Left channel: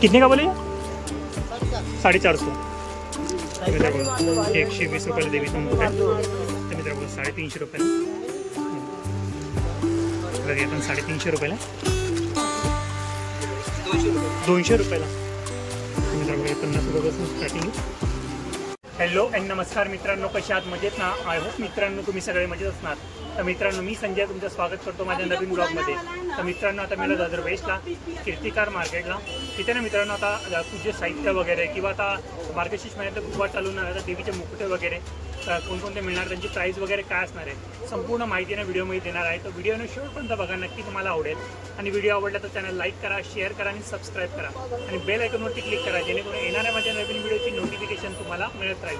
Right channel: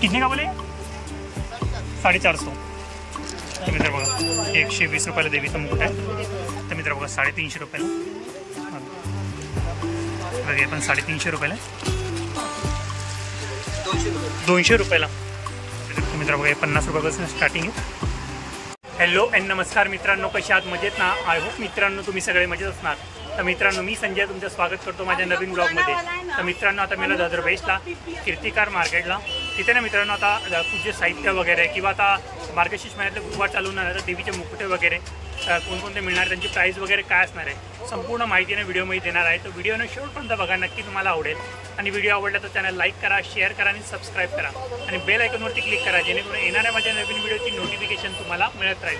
कितने का बोले? 450. तर मित्र बघा 120 रुपयाला देवीचा मुकुट आहे. तर मित्र बघा 350 रुपयाला. बघा हे पण 350 रुपयाला. 200 रुपयाला. मित्र बघा 50 रुपयापासून स्टार्टिंग आहे. हॅलो अँड नमस्कार मित्रांनो, कशा आहात? मजेत ना? आय होप मित्रांनो तुम्ही सगळे मजेत असणार. तर मित्रांनो मी संजय तुमचं स्वागत करतो माझ्या नवीन ब्लॉगमध्ये. तर मित्रांनो आता मला दादर वेस्टला कीर्तिकार मार्केटला तिथे ना मित्रांनो आता पूजे साहित्य वगैरे किंवा आता मार्गशीर्ष महिन्यातले गुरुवार चालू होणार तर देवीचे मुकुटे वगैरे कोणकोणते मिळणार, त्यांची प्राईस वगैरे काय असणार आहे संपूर्ण माहितीने व्हिडिओमध्ये देणार आहे. तर व्हिडिओनं शेवटपर्यंत बघा, नक्की तुम्हाला आवडेल. आणि व्हिडिओ आवडला तर चॅनल लाईक करा, शेअर करा आणि सबस्क्राईब करा आणि बेल आयकॉनवरती क्लिक करा जेणेकरून येणाऱ्या माझ्या नवीन व्हिडिओची नोटिफिकेशन तुम्हाला मिळत राहील.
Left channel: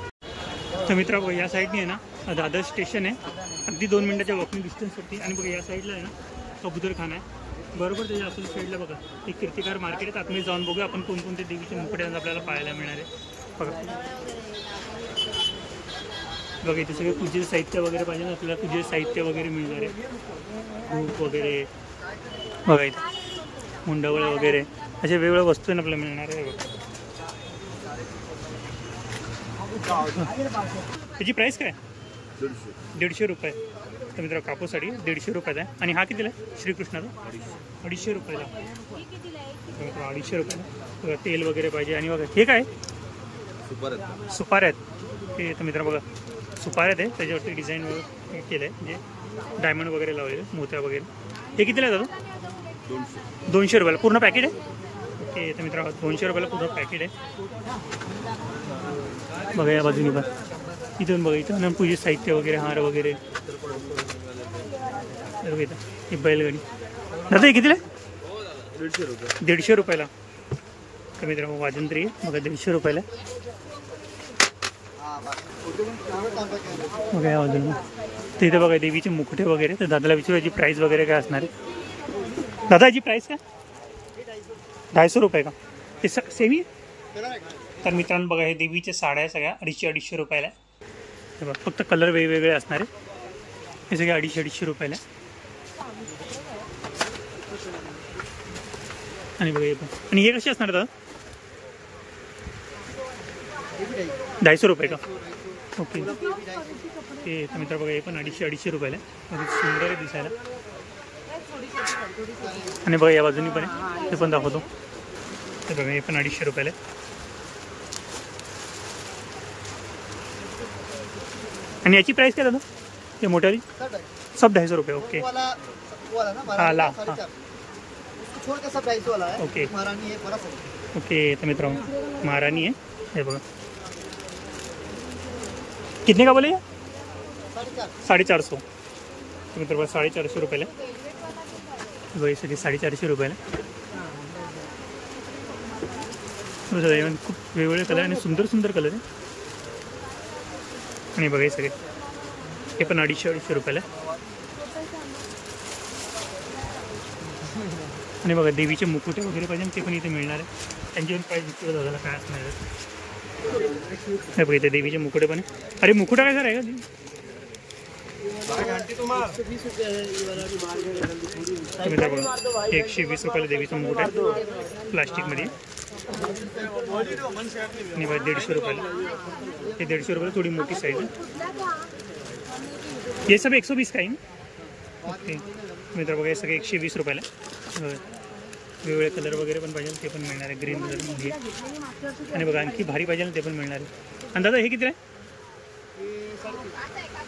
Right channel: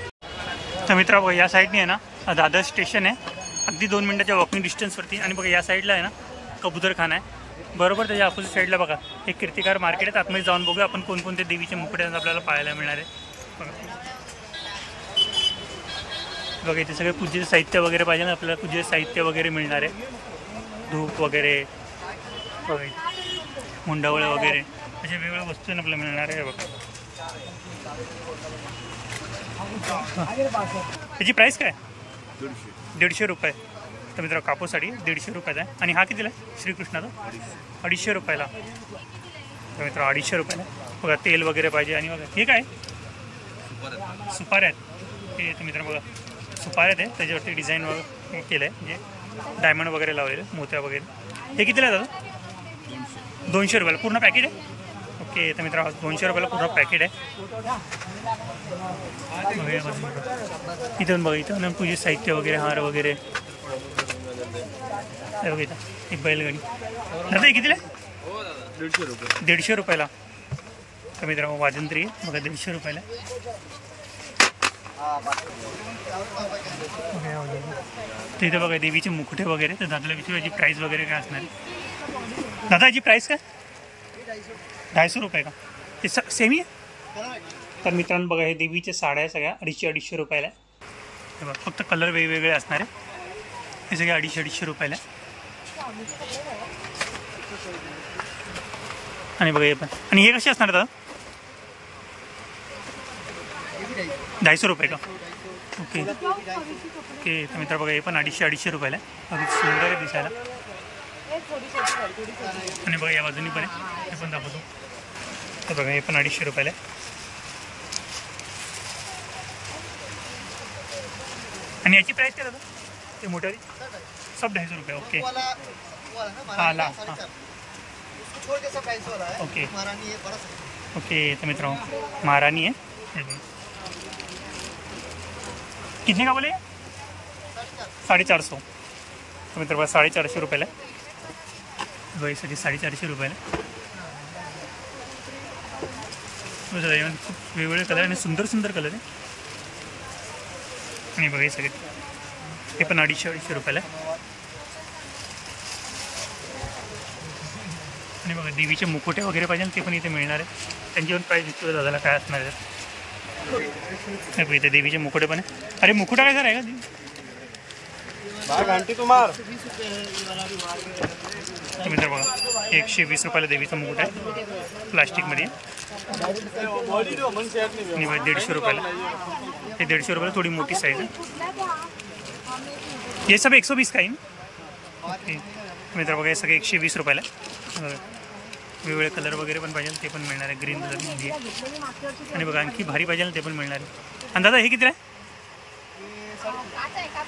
तर मित्र बघा या साईडने आहे ना दादर स्टेशन आहे, अगदी 2 मिनिटाच्या वॉकिंग डिस्टन्सवरती. आणि बघा या साईडला आहे ना कबूतरखाना आहे, बरोबर त्याच्या अपोजिट साईडला बघा एक कीर्तिकार मार्केट आहे. आतमध्ये जाऊन बघूया आपण कोणकोणते देवीचे मुकुटे आपल्याला पाहायला मिळणार आहे. बघा इथे सगळे पूजेचे साहित्य वगैरे पाहिजे ना, आपल्याला पूजेचे साहित्य वगैरे मिळणार आहे. धूप वगैरे बघा इथे मुंडावळे वगैरे असे वेगवेगळ्या वस्तू आपल्याला मिळणार आहे. बघा त्याची प्राईस काय? 150 रुपये. तर मित्र कापूसाठी 150 रुपयाचा आहे. आणि हा कितीला आहे श्रीकृष्णाचा? 250 रुपयाला. तर मित्र 250 रुपयाला. बघा तेल वगैरे पाहिजे. आणि बघा हे काय सुपाऱ्या आहेत ते. तर मित्र बघा सुपाऱ्यात आहे, त्याच्यावरती डिझाईन वगैरे केलं आहे म्हणजे डायमंड वगैरे लावलेलं मोत्या वगैरे. हे कितीला आहे दादा? 200 रुपयाला पूर्ण पॅकेट आहे. ओके तर मित्र 200 रुपयाला पूर्ण पॅकेट आहे. बघा या बाजूने पण इथून बघा इथं पूजेचं साहित्य वगैरे हार वगैरे बघा इथं. ही बैलगाडी दादा हे कितीला आहे? 150 रुपयाला. तर मित्र वाजंत्री बघा 150 रुपयाला. बघा या बाजूने तर इथं बघा देवीचे मुकुटे वगैरे. तर दादाला विचारू याची प्राईस वगैरे काय असणार आहे? दादा याची प्राईस काय? 250 रुपये का? ते सेमी आहे. तर मित्रांनो बघा हे देवीचे साड्या आहे सगळ्या 250 रुपयाला आहे. बघा फक्त कलर वेगवेगळे असणार आहे. हे सगळे 250 रुपयाला. आणि बघा हे पण. आणि हे कसे असणार दादा? 250 रुपये का? Okay okay. तर मित्र बघा हे पण 250 रुपयाला आहे. अगदी सुंदर आहे दिसायला. आणि बघा या बाजूनी पण आहे, हे पण दाखवतो. तर बघा हे पण 250 रुपयाला आहे. आणि याची प्राईस काय दादा? ते मोठ्याली सब 250 रुपये. ओके हां ला हां ओके ओके. तर मित्रांनो महाराणी आहे हे बघा. कितने का बोले? 450. तर मित्र बघा 450 रुपयाला आहे. बघा सगळे 450 रुपयाला. खूप वेगवेगळे कलर आणि सुंदर सुंदर कलर आहे. आणि बघा हे सगळे हे पण 250 रुपयाला आहे. आणि बघा देवीचे मुकुटे वगैरे पाहिजे ते पण इथे मिळणार आहे. त्यांची पण प्राईस विचारू दादाला काय असणार आहे. हे बघा इथे देवीचे मुकुटे पण आहे. अरे मुकुटा काय सर आहे का? मित्र बघा 120 रुपयाला देवीचा मुकुट आहे प्लास्टिकमध्ये. आणि बघा 150 रुपयाला. हे 150 रुपयाला थोडी मोठी साईज आहे. हे सब 120 का? ओके मित्र बघा हे सगळे 120 रुपयाला. वेगवेगळे कलर वगैरे पण पाहिजे ते पण मिळणार आहे. ग्रीन कलरमध्ये. आणि बघा आणखी भारी पाहिजे ना ते पण मिळणार आहे. आणि दादा हे किती आहे?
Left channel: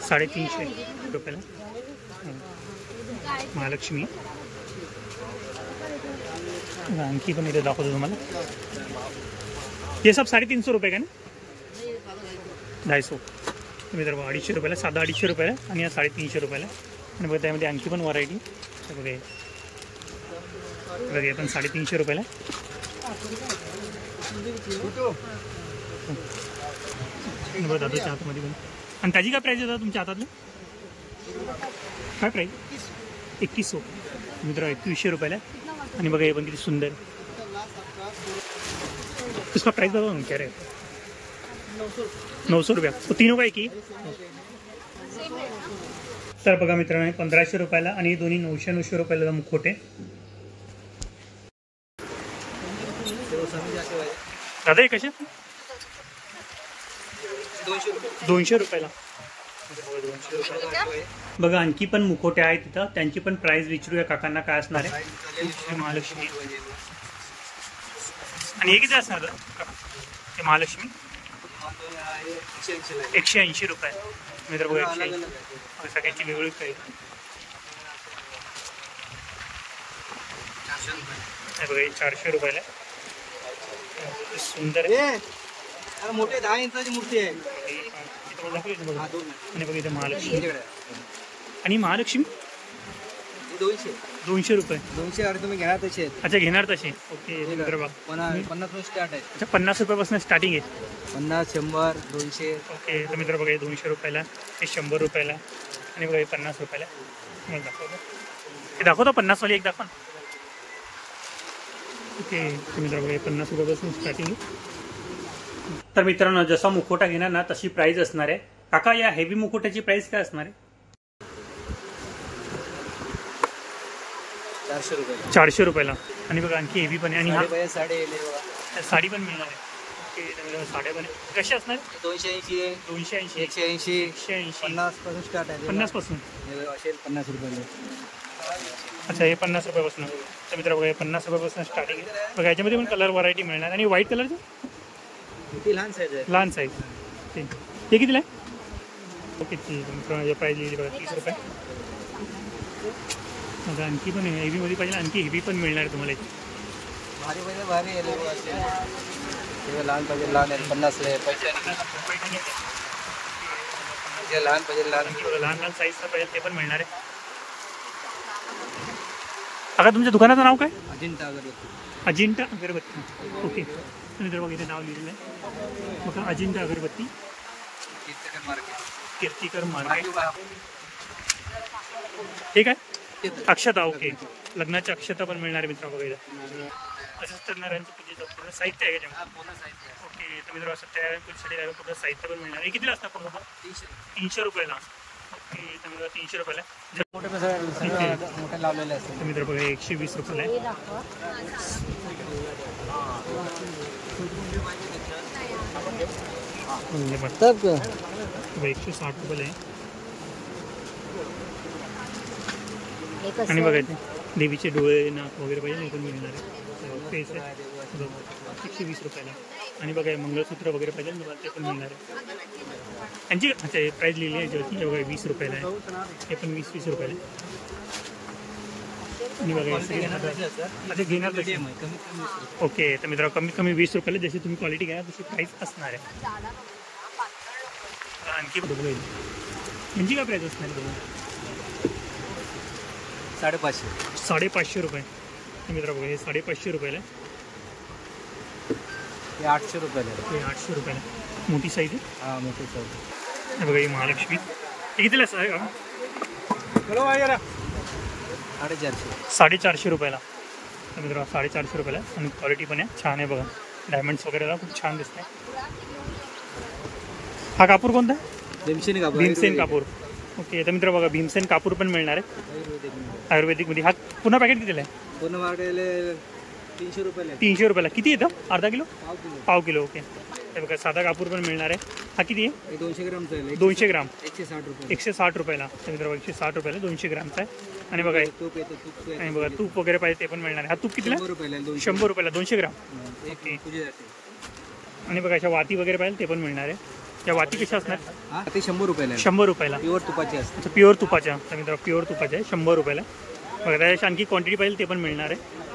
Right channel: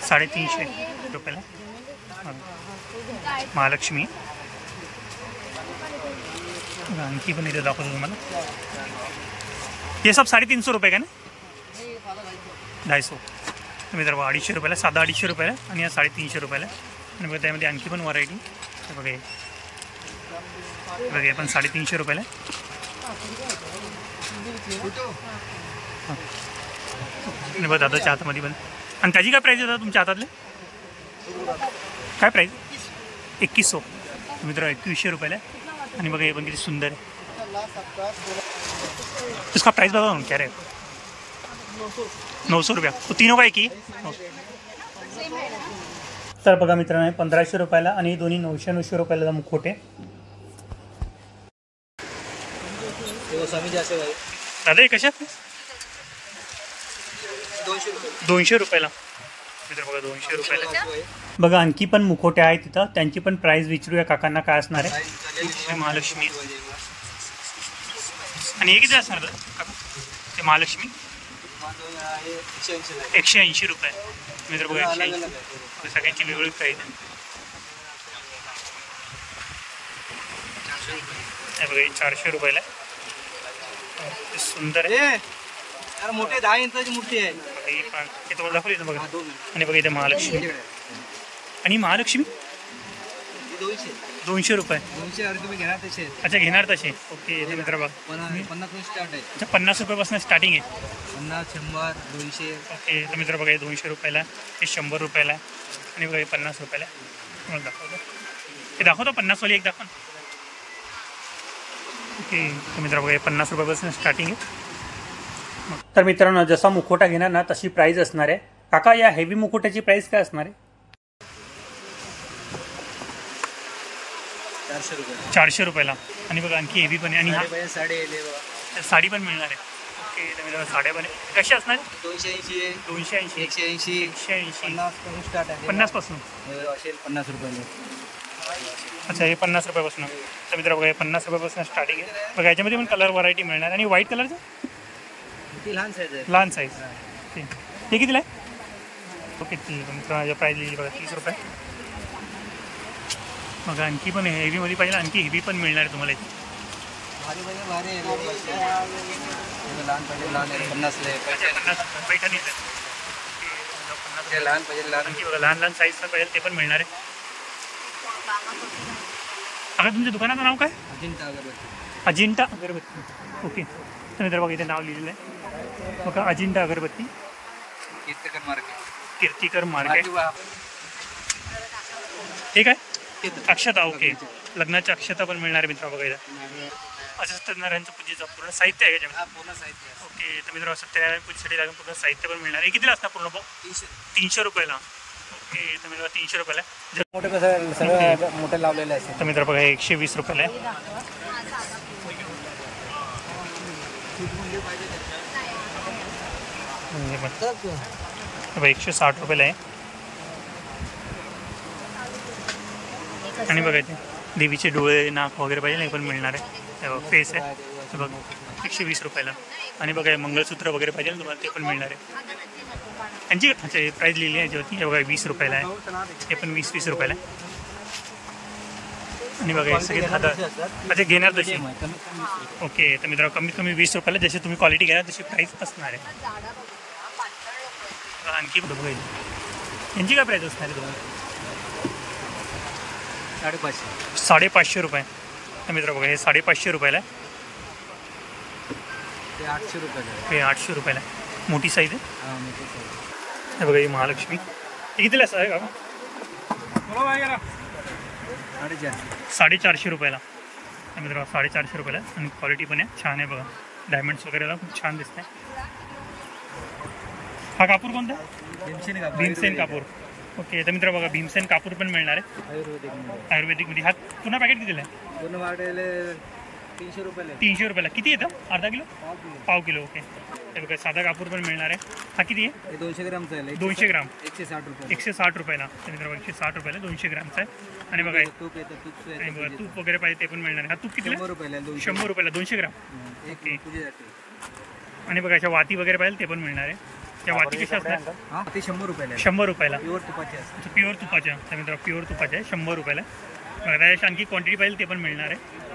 350 रुपयाला. महालक्ष्मी. आणखी पण इथे दाखवतो तुम्हाला. हे सब 350 रुपये का ना? 250. मित्र बघा 250 रुपयाला, साधा 250 रुपयाला आणि या 350 रुपयाला. आणि बघा त्यामध्ये आणखी पण व्हरायटी बघा. बघा हे पण 350 रुपयाला. आणि बघा दादाच्या हातामध्ये पण. आणि त्याची काय प्राईस आहे दादा तुमच्या हातातले? काय प्राईस? 2100. मित्र 2100 रुपयाला. आणि बघा हे पण किती सुंदर आहे. इसका प्राइस बता क्या रहे? 900 रुपया. तो तीनों का एक ही. तर बघा मित्रांनो 1500 रुपयाला आणि दोन्ही 900 रुपयाला मुखोटे. दादा हे कशात? 200 रुपयाला. मित्र बघा 200 रुपयाला. बघा आणखी पण मुखोटे आहेत तिथं, त्यांची पण प्राइस विचारूया काकांना काय असणार आहे. महालक्ष्मी. आणि हे किती असणार ते महालक्ष्मी? 180 रुपये. मित्र बघा 180. सगळ्यांची वेगवेगळी प्राइस आहे. बघा 400 रुपयाला. सुंदर आहे. मोठे 10 इंचाची मूर्ती आहे. हे तुम्हाला दाखवली ना बघा. आणि बघा इथे महालक्ष्मी. आणि महालक्ष्मी 200 रुपये. 200 अरे तुम्ही घेणार तसे. अच्छा घेणार तसे. ओके मित्र बघा 50 स्टार्ट आहे. अच्छा 50 रुपयापासून स्टार्टिंग आहे. 50 100 200. ओके तर मित्र बघा हे 200 रुपयाला, हे 100 रुपयाला आणि बघा हे 50 रुपयाला. तुम्हाला दाखवतो हे दाखवतो 50 वाली एक दाखवा. ओके तर मित्र बघा हे 50 रुपयापासून स्टार्टिंग आहे. तर मित्रांनो जसा मुखोटा घेणार ना तशी प्राइस असणार आहे. काका या हेवी मुखोट्याची प्राइस काय असणार आहे? 400 रुपयाला. आणि बघा आणखी हेवी पण आहे. आणि हा साडी पण मिळणार आहे. ओके तर मित्रांनो साड्या पण आहे. कशी असणार? 280 280 180 180 50 पासून स्टार्ट आहे. 50 पासून असेल 50 रुपयाला. अच्छा हे 50 रुपयापासून. तर मित्र बघा हे 50 रुपयापासून स्टार्टिंग आहे. बघा याच्यामध्ये पण कलर व्हरायटी मिळणार. आणि व्हाईट कलरचं लहान साईज आहे. लहान साईज. ते कितीला आहे? ओके ठीक आहे मित्रांनो प्राईस लिहिली बघा 30 रुपये. बघा आणखी पण हेवीमध्ये पाहिजे, आणखी हेवी पण मिळणार आहे तुम्हाला. भारी आहे. लहान पाहिजे लहान 50 रुपये. पैठणी लहान पाहिजे लहान. आणखी बघा लहान लहान साईजचं पाहिजे ते पण मिळणार आहे. आता तुमच्या दुकानाचं नाव काय? अजिंठा अगरबत्ती. अजिंठा अगरबत्ती. ओके तर बघा इथे नाव लिहिलेलं आहे बघा अजिंठा अगरबत्ती कीर्तिकर मार्केट. हे काय? अक्षता. ओके लग्नाच्या अक्षता पण मिळणार आहे मित्र. बघा इथं असं सत्यनारायणचं पूजेचं पूर्ण साहित्य आहे त्याच्यामध्ये. ओके तर मित्र सत्यनारायण पूजेसाठी लागून पूर्ण साहित्य पण मिळणार आहे. कितीला असणार पूर्ण? 300 रुपयाला. ओके तर मित्र 300 रुपयाला. मोठे कसं मोठे लावलेले असेल तर मित्र बघा 120 रुपयाला आहे. पण 160 रुपयाला आहे. आणि बघा इथे देवीचे डोळे नाक वगैरे पाहिजे नाही पण मिळणार आहे. फेस आहे तर बघा 120 रुपयाला. आणि बघा मंगळसूत्र वगैरे पाहिजे ना तुम्हाला ते पण मिळणार आहे. यांची अच्छा हे प्राईस लिहिली आहे याच्यावरती. हे बघा 20 रुपयाला आहे. हे पण 20 रुपयाला आहे. आणि बघा हे सगळे 10. अच्छा घेणार तशी. ओके तर मित्र कमीत कमी 20 रुपयाला. जशी तुम्ही क्वालिटी घेणार तशी प्राईस असणार आहे. आणखी बघा यांची काय प्राईस असणार आहे तुम्हाला? 550 रुपये. तर मित्र बघा हे 550 रुपयाला आहे. 800 रुपयाला. हे 800 रुपयाला आहे. मोठी साईज आहे. बघा ही महालक्ष्मी. हे कितीला आहे का? 450 रुपयाला. तर मित्र 450 रुपयाला. आणि क्वालिटी पण आहे छान आहे. बघा डायमंड्स वगैरेला खूप छान दिसत आहे. हा कापूर कोणता आहे? भीमसेन कापूर. ओके तर मित्र बघा भीमसेन कापूर पण मिळणार आहे आयुर्वेदिकमध्ये. हा पुन्हा पॅकेट कितीला आहे? पूर्ण वाढेल 300 रुपयाला. 300 रुपयाला. किती येतं? अर्धा किलो? पाव किलो. ओके हे बघा साधा कापूर पण मिळणार आहे. हा किती आहे? 200 ग्रामचा आहे. 200 ग्राम 160 रुपये. 160 रुपयाला. तर मित्र 160 रुपयाला 200 ग्रामचा आहे. आणि बघा तूप येतं. तूप आणि बघा तूप वगैरे पाहिजे ते पण मिळणार आहे. हा तूप कितीला? 100 रुपयाला. 100 रुपयाला 200 ग्राम. ओके. आणि बघा अशा वाती वगैरे पाहिजे ते पण मिळणार आहे. त्या वाती कशा असणार? ते 100 रुपयाला. 100 रुपयाला. प्युअर तुपाचे असतात. अच्छा प्युअर तुपाच्या. तर मित्र प्युअर तुपाच्या आहे 100 रुपयाला. बघा त्याच्या आणखी क्वांटिटी पाहिजे ते पण मिळणार आहे.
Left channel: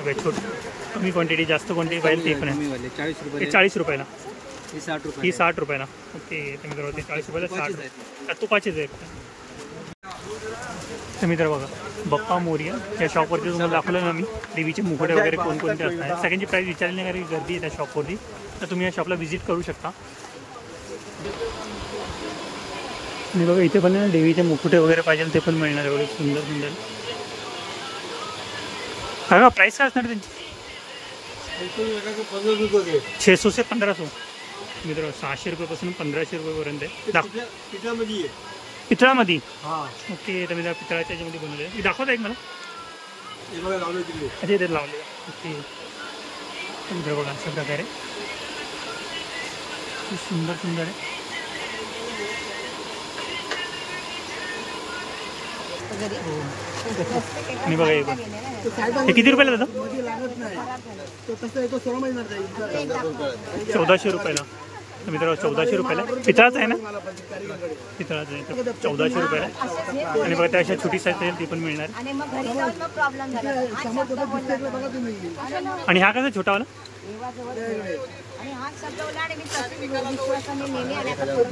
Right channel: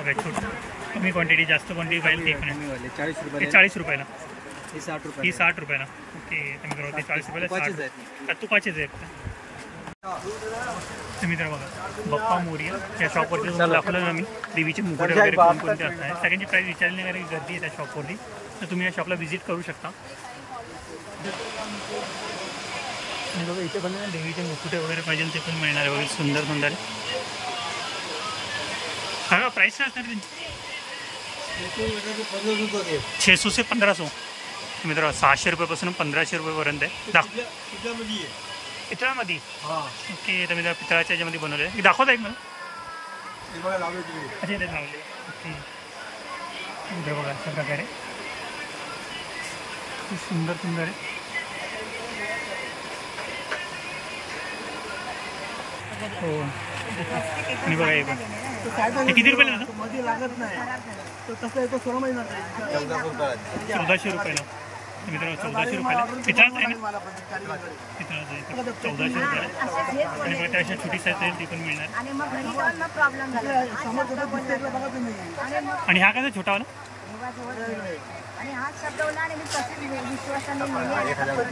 ओके छोटी कमी क्वांटिटी जास्त क्वांटिटी पाहिजे ते पण आहे. 40 रुपये. 40 रुपयाला. ही 60 रुपये. ही 60 रुपयाला. ओके तर मित्र ते 40 रुपयाला 60 तुपाचेच आहेत. तर मित्र बघा बप्पा मोरिया या शॉपवरती तुम्हाला दाखवलं ना मी देवीचे मुकुटे वगैरे कोणकोणते असणार. सगळ्यांची प्राईस विचारण्यासाठी गर्दी आहे त्या शॉपवरती. तर तुम्ही या शॉपला व्हिजिट करू शकता. आणि बघा इथे पण देवीचे मुकुटे वगैरे पाहिजे ते पण मिळणार आहे. वगैरे सुंदर सुंदर. हा प्राईस काय असणार त्यांची? 600 से 1500. मित्र 600 रुपयापासून 1500 रुपयेपर्यंत आहे. पितळामध्ये. ओके तर मित्र पितळाच्या याच्यामध्ये बनवले. दाखवता एक मला. अच्छा इथे लावले. ओके इकडे बघा अशा प्रकारे खूप सुंदर सुंदर आहे. हो आणि बघा हे पण हे किती रुपयाला जातं? 1400 रुपयाला. मित्रांनो 1400 रुपयाला. पितळाचं आहे ना? पितळाचं आहे तर 1400 रुपयाला. आणि बघा त्या अशा छोटी साईज आहे ती पण मिळणार. आणि हा कसा छोटावाला?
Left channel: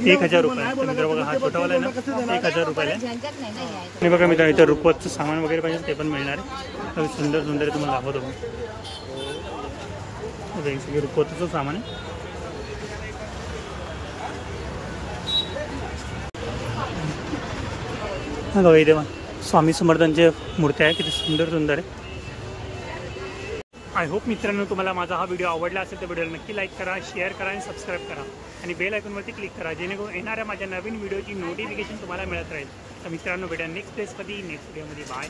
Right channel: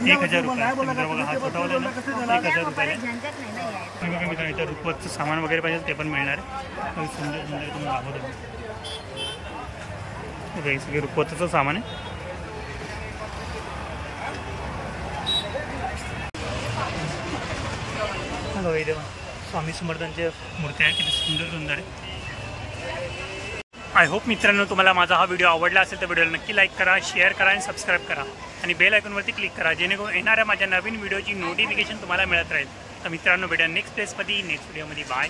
1000 रुपये. मित्र बघा हा छोटावाला आहे ना 1000 रुपयाला. आणि बघा मित्रांनो इथं रुपवतचं सामान वगैरे पाहिजे ते पण मिळणार आहे. सुंदर सुंदर तुम्हाला दाखवतो. हे सगळे रुपवतचं सामान आहे. बघा इथे स्वामी समर्थांचे मूर्ती आहे किती सुंदर सुंदर आहे. आय होप मित्रांनो तुम्हाला माझा हा व्हिडिओ आवडला असेल तर व्हिडिओला नक्की लाईक करा, शेअर करा आणि सबस्क्राईब करा आणि बेल आयकॉनवरती क्लिक करा जेणेकरून येणाऱ्या माझ्या नवीन व्हिडिओची नोटिफिकेशन तुम्हाला मिळत राहील. तर मित्रांनो भेटा नेक्स्ट प्लेसमध्ये नेक्स्ट व्हिडिओमध्ये. बाय.